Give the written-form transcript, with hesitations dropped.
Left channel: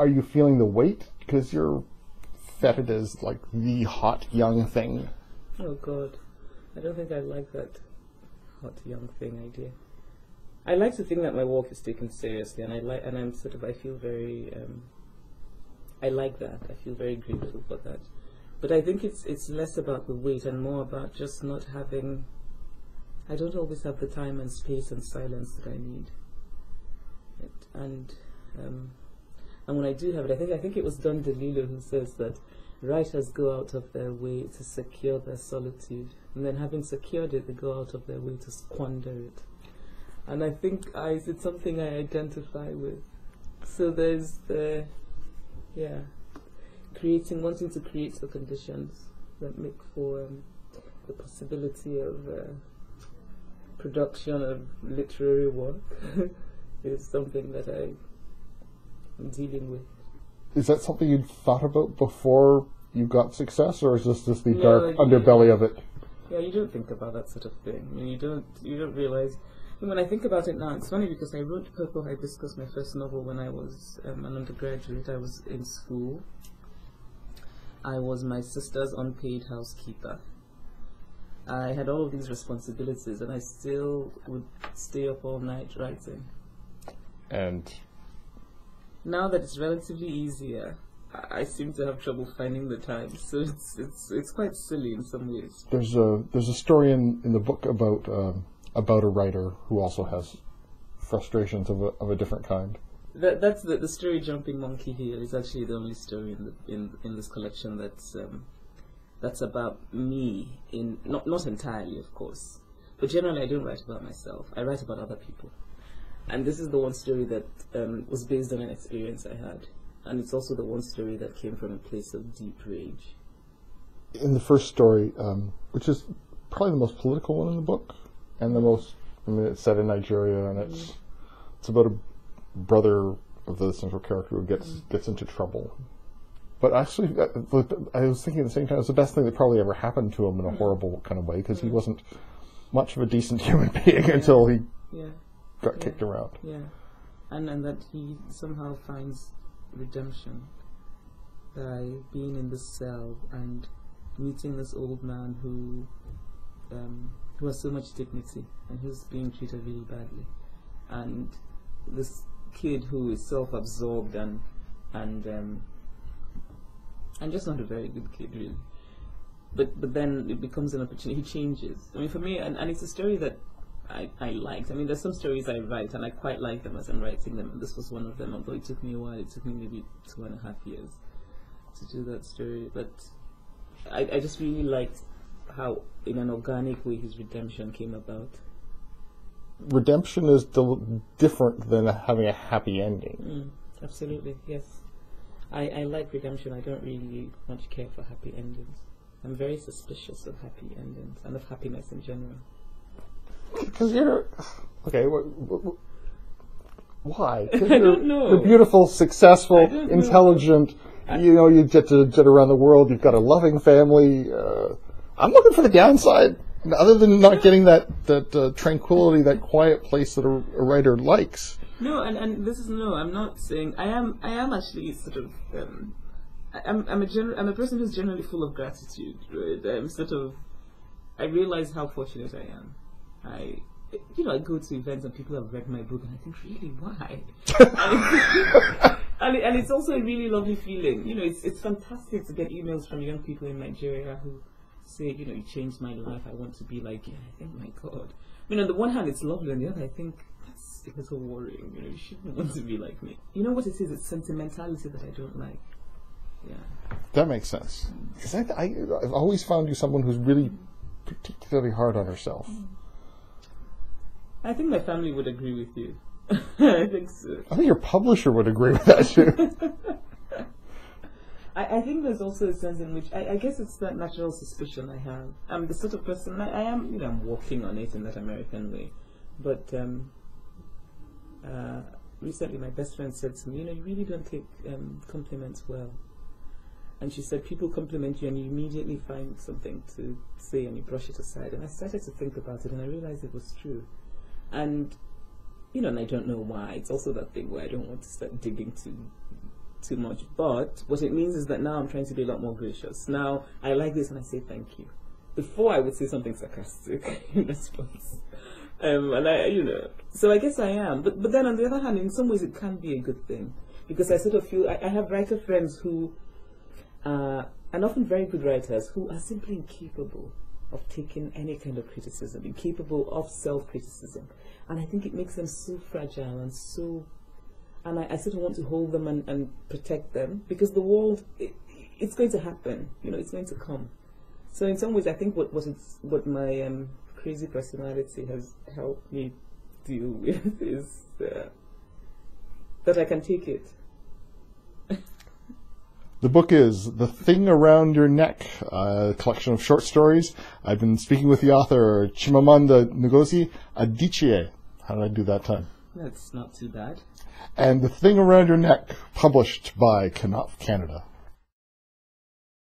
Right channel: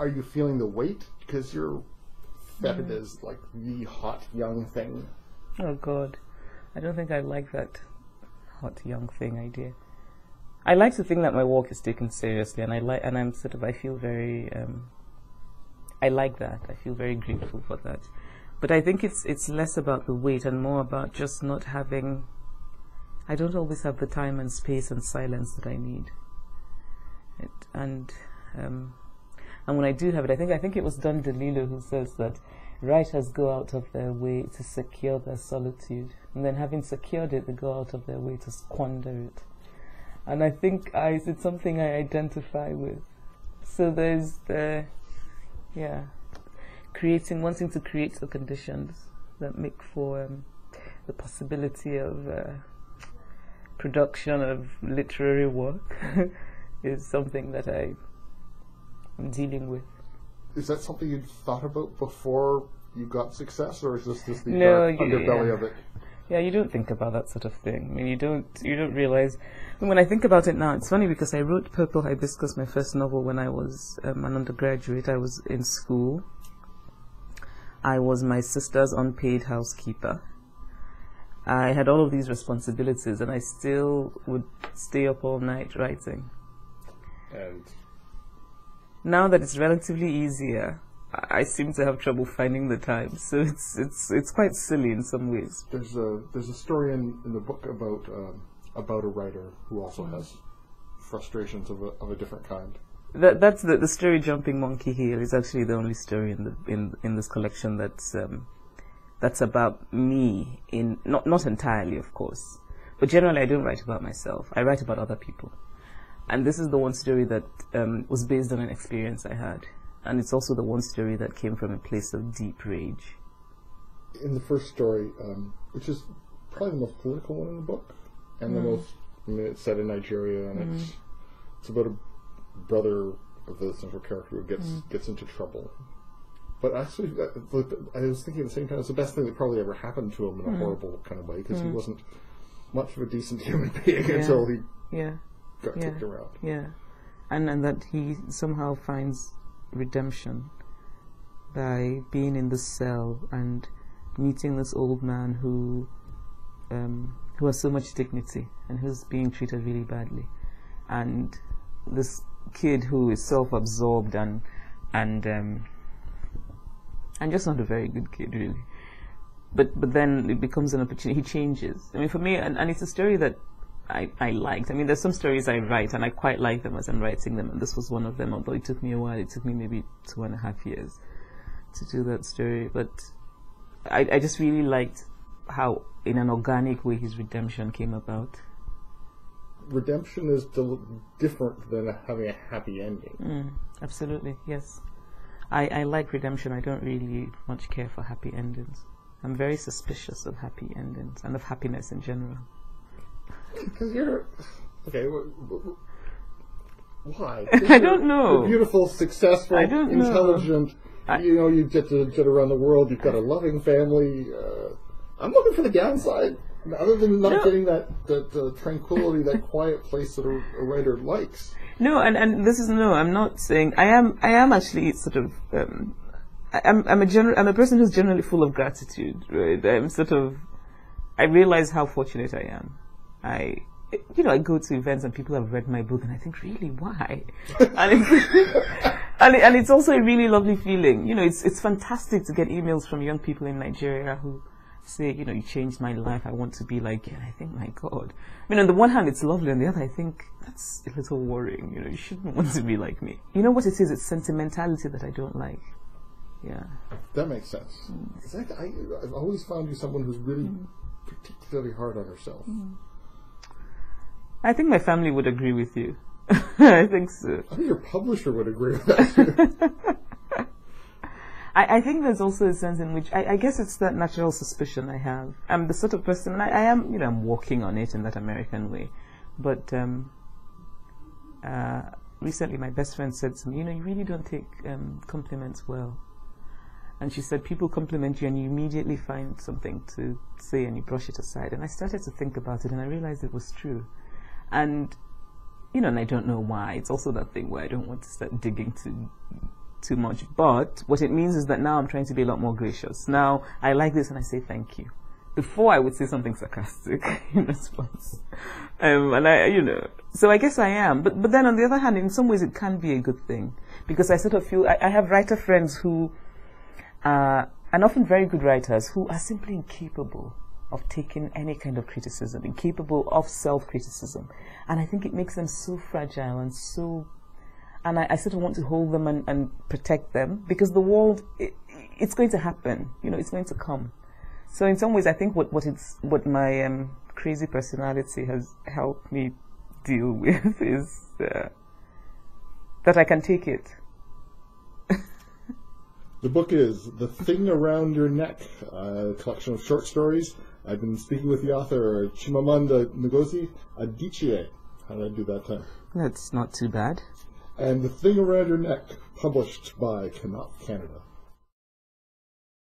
Are you feeling the weight? Because you're feted as like the hot young thing. Oh God, I don't think I like that hot young thing idea. I like to think that my work is taken seriously, and I feel very, I like that. I feel very grateful for that. But I think it's less about the weight and more about just not having. I don't always have the time and space and silence that I need. And when I do have it, I think it was Don DeLillo who says that writers go out of their way to secure their solitude, and then having secured it, they go out of their way to squander it. And I think it's something I identify with. So there's the, wanting to create the conditions that make for the possibility of production of literary work is something that I'm dealing with. Is that something you'd thought about before you got success, or is this the dark underbelly of it? Yeah, you don't think about that sort of thing. I mean, you don't realize. When I think about it now, it's funny because I wrote Purple Hibiscus, my first novel, when I was an undergraduate. I was in school. I was my sister's unpaid housekeeper. I had all of these responsibilities, and I still would stay up all night writing. And now that it's relatively easier, I seem to have trouble finding the time. So it's quite silly in some ways. There's a story in the book about a writer who also has frustrations of a different kind. That's the story. Jumping Monkey Hill is actually the only story in this collection that's about me. Not entirely, of course, but generally I don't write about myself. I write about other people, and this is the one story that was based on an experience I had, and it's also the one story that came from a place of deep rage. In the first story, which is probably the most political one in the book, and the most, it's set in Nigeria, and it's about a brother of the central character who gets into trouble. But actually, I was thinking at the same time, it's the best thing that probably ever happened to him in a horrible kind of way, because he wasn't much of a decent human being until he got kicked around. Yeah, and that he somehow finds redemption by being in this cell and meeting this old man who has so much dignity and who's being treated really badly, and this kid who is self-absorbed and just not a very good kid, really. But then it becomes an opportunity. He changes. I mean, for me, and it's a story that I liked. I mean, there's some stories I write, and I quite like them as I'm writing them, and this was one of them, although it took me a while. It took me maybe 2.5 years to do that story. But I just really liked how, in an organic way, his redemption came about. Redemption is different than having a happy ending. Absolutely, yes. I like redemption. I don't really much care for happy endings. I'm very suspicious of happy endings and of happiness in general. Because you're... Okay, why? I don't know. You're beautiful, successful, intelligent. You get to get around the world. You've got a loving family. I'm looking for the downside. Other than not getting that tranquility, that quiet place that a writer likes. No, and this is I'm not saying I am actually sort of I'm a person who's generally full of gratitude. Right? I realize how fortunate I am. I go to events and people have read my book and I think, really, why? and it's also a really lovely feeling. It's fantastic to get emails from young people in Nigeria who say, you changed my life, I want to be like you. And I think, my God. I mean, on the one hand, it's lovely. On the other, I think that's a little worrying. You shouldn't want to be like me. You know what it is? It's sentimentality that I don't like. Yeah. That makes sense. Because I've always found you someone who's really particularly hard on herself. I think my family would agree with you. I think so. I think your publisher would agree with that too. I think there's also a sense in which I guess it's that natural suspicion I have. I'm the sort of person I am. I'm working on it in that American way. But recently, my best friend said to me, you really don't take compliments well. And she said, people compliment you and you immediately find something to say and you brush it aside. And I started to think about it and I realized it was true. And, and I don't know why. It's also that thing where I don't want to start digging to too much. But what it means is that now I'm trying to be a lot more gracious. Now I like this and I say thank you. Before I would say something sarcastic in response. And so I guess I am. But then on the other hand, in some ways it can be a good thing. Because I sort of feel, I have writer friends who are, and often very good writers, who are simply incapable of taking any kind of criticism, incapable of self-criticism. And I think it makes them so fragile and so, and I sort of want to hold them and protect them, because the world, it's going to happen, it's going to come. So in some ways, I think what my crazy personality has helped me deal with is that I can take it. The book is The Thing Around Your Neck, a collection of short stories. I've been speaking with the author, Chimamanda Ngozi Adichie. How did I do that time? That's not too bad. And The Thing Around Your Neck, published by Commonwealth Canada.